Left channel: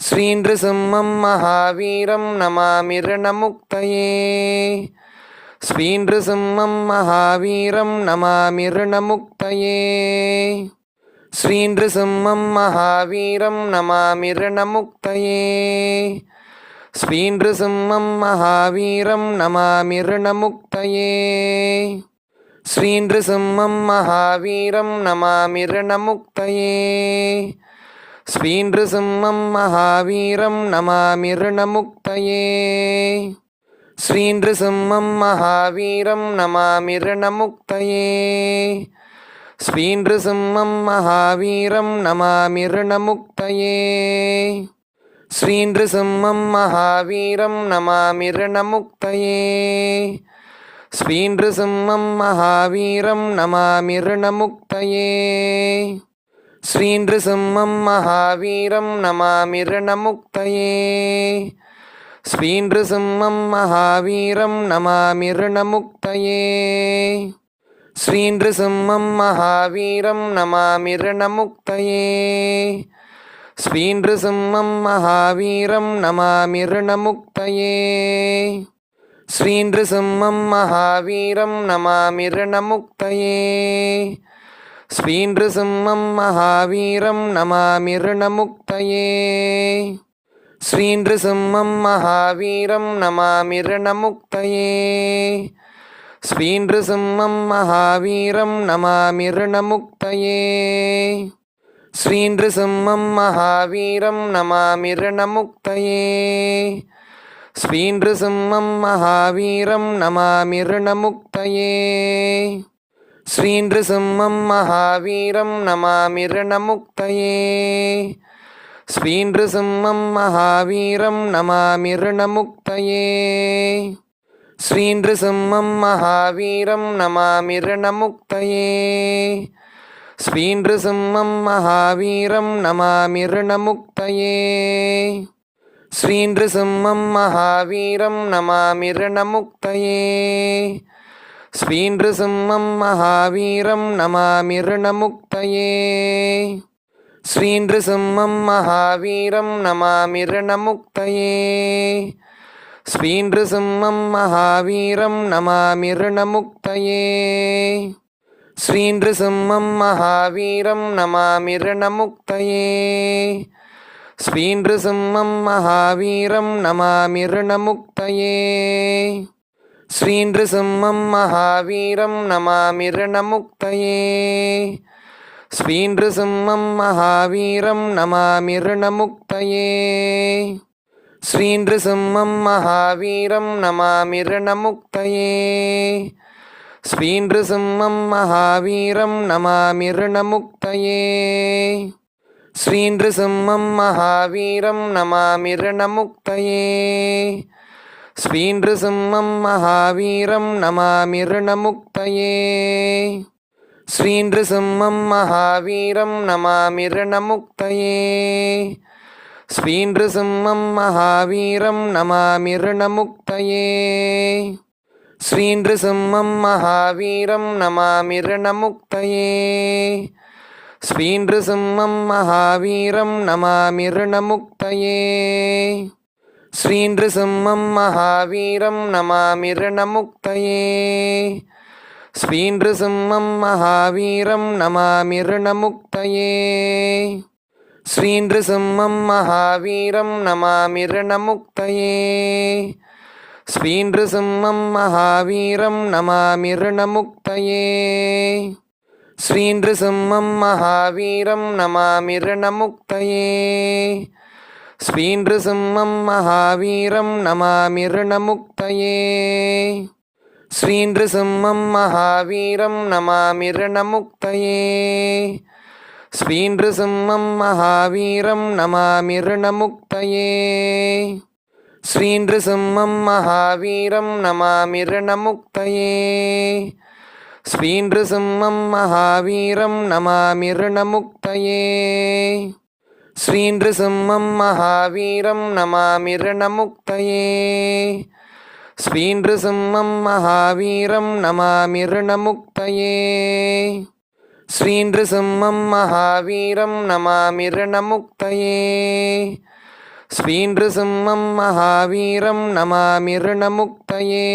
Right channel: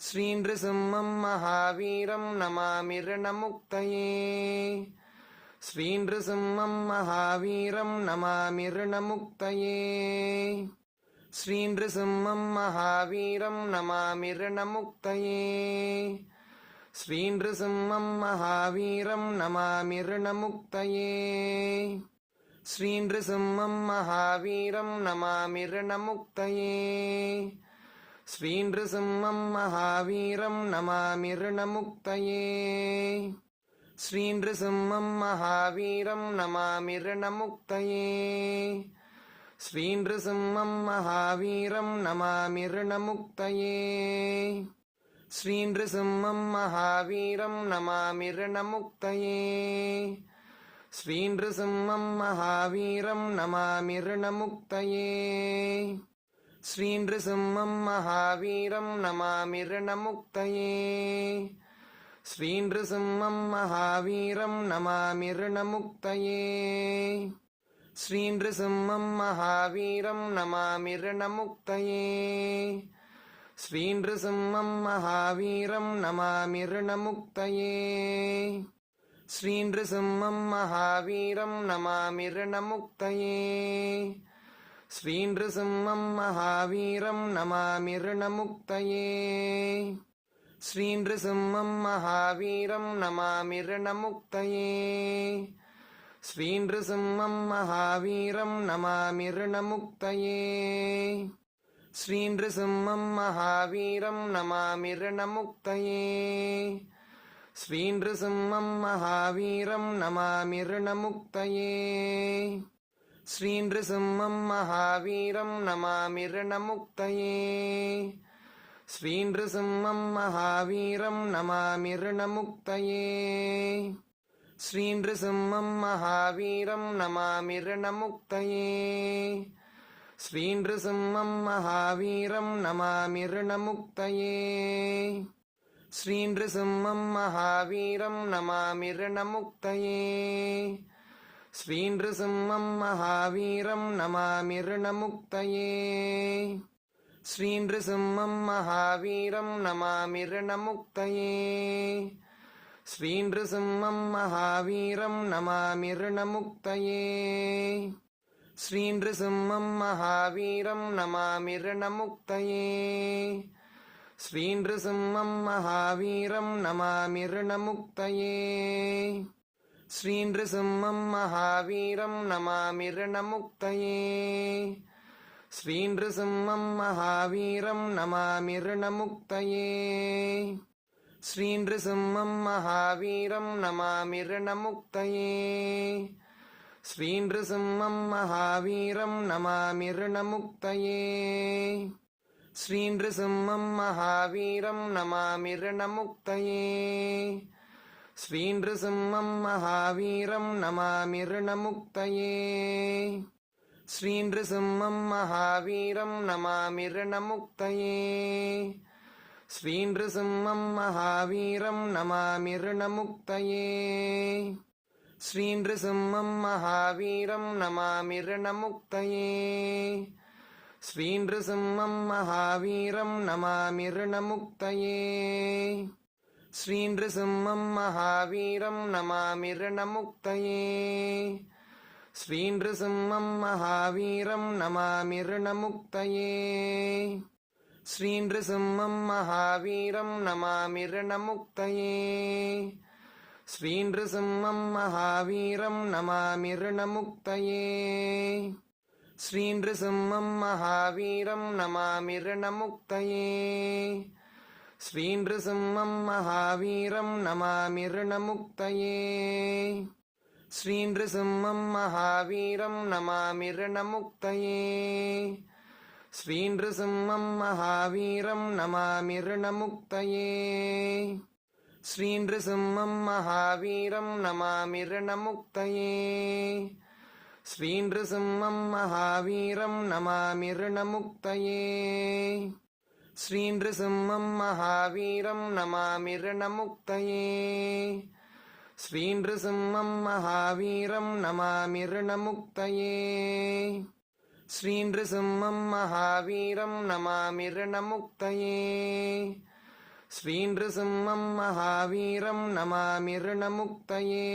ஸ்ரீநிருசிம்மம் மகாவீரம் நமாமி ரணமுக்தையே ஸ்ரீநிருசிம்மம் மகாவீரம் நமாமி ரணமுக்தையே ஸ்ரீநிருசிம்மம் மகாவீரம் நமாமி ரணமுக்தையே ஸ்ரீநிருசிம்மம் மகாவீரம் நமாமி ரணமுக்தையே ஸ்ரீநிருசிம்மம் மகாவீரம் நமாமி ரணமுக்தையே ஸ்ரீநிருசிம்மம் மகாவீரம் நமாமி ருணமுக்தயே ஸ்ரீநிருசிம்மம் மகாவீரம் நமாமி ருணமுக்தயே ஸ்ரீநிருசிம்மம் மகாவீரம் நமாமி ருணமுக்தயே ஸ்ரீநிருசிம்மம் மகாவீரம் நமாமி ருணமுக்தயே ஸ்ரீநிருசிம்மம் மகாவீரம் நமாமி ருணமுக்தயே ஸ்ரீநிருசிம்மம் மகாவீரம் நமாமி ரணமுக்தையே ஸ்ரீநிருசிம்மம் மகாவீரம் நமாமி ரணமுக்தையே ஸ்ரீநிருசிம்மம் மகாவீரம் நமாமி ரணமுக்தையே ஸ்ரீநிருசிம்மம் மகாவீரம் நமாமி ரணமுக்தையே ஸ்ரீநிருசிம்மம் மகாவீரம் நமாமி ரணமுக்தையே ஸ்ரீநசிம்மம் மகாவீரம் நமாமி ருணமுக்தையே ஸ்ரீநசிம்மம் மகாவீரம் நமாமி ருணமுக்தையே ஸ்ரீநசிம்மம் மகாவீரம் நமாமி ருணமுக்தையே ஸ்ரீநசிம்மம் மகாவீரம் நமாமி ருணமுக்தையே ஸ்ரீநசிம்மம் மகாவீரம் நமாமி ருணமுக்தையே ஸ்ரீநிருசிம்மம் மகாவீரம் நமாமிருணமுக்தையே. ஸ்ரீநிருசிம்மம் மகாவீரம் நமாமிருணமுக்தையே. ஸ்ரீநிருசிம்மம் மகாவீரம் நமாமிருணமுக்தையே. ஸ்ரீநிருசிம்மம் மகாவீரம் நமாமிருணமுக்தையே. ஸ்ரீநிருசிம்மம் மகாவீரம் நமாமிருணமுக்தையே. ஸ்ரீநிருசிம்மம் மகாவீரம் நமாமி ருணமுக்தையே ஸ்ரீநிருசிம்மம் மகாவீரம் நமாமி ருணமுக்தையே ஸ்ரீநிருசிம்மம் மகாவீரம் நமாமி ருணமுக்தையே ஸ்ரீநிருசிம்மம் மகாவீரம் நமாமி ருணமுக்தையே ஸ்ரீநிருசிம்மம் மகாவீரம் நமாமி ருணமுக்தையே ஸ்ரீநிருசிம்மம் மகாவீரம் நமாமி ரணமுக்தையே ஸ்ரீநிருசிம்மம் மகாவீரம் நமாமி ரணமுக்தையே ஸ்ரீநிருசிம்மம் மகாவீரம் நமாமி ரணமுக்தையே ஸ்ரீநிருசிம்மம் மகாவீரம் நமாமி ரணமுக்தையே ஸ்ரீநிருசிம்மம் மகாவீரம் நமாமி ரணமுக்தையே ஸ்ரீநிருசிம்மம் மகாவீரம் நமாமி ருணமுக்தையே ஸ்ரீநிருசிம்மம் மகாவீரம் நமாமி ருணமுக்தையே ஸ்ரீநிருசிம்மம் மகாவீரம் நமாமி ருணமுக்தையே ஸ்ரீநிருசிம்மம் மகாவீரம் நமாமி ருணமுக்தையே ஸ்ரீநிருசிம்மம் மகாவீரம் நமாமி ருணமுக்தையே ஸ்ரீநிருசிம்மம் மகாவீரம் நமாமி ரணமுக்தையே ஸ்ரீநிருசிம்மம் மகாவீரம் நமாமி ரணமுக்தையே ஸ்ரீநிருசிம்மம் மகாவீரம் நமாமி ரணமுக்தையே ஸ்ரீநிருசிம்மம் மகாவீரம் நமாமி ரணமுக்தையே ஸ்ரீநிருசிம்மம் மகாவீரம் நமாமி ரணமுக்தையே ஸ்ரீநசிம்மம் மகாவீரம் நமாமி ருணமுக்தையே ஸ்ரீநசிம்மம் மகாவீரம் நமாமி ருணமுக்தையே ஸ்ரீநசிம்மம் மகாவீரம் நமாமி ருணமுக்தையே ஸ்ரீநசிம்மம் மகாவீரம் நமாமி ருணமுக்தையே ஸ்ரீநசிம்மம் மகாவீரம் நமாமி ருணமுக்தையே ஸ்ரீநிருசிம்மம் மகாவீரம் நமாமிருணமுக்தையே. ஸ்ரீநிருசிம்மம் மகாவீரம் நமாமிருணமுக்தையே. ஸ்ரீநிருசிம்மம் மகாவீரம் நமாமிருணமுக்தையே. ஸ்ரீநிருசிம்மம் மகாவீரம் நமாமிருணமுக்தையே.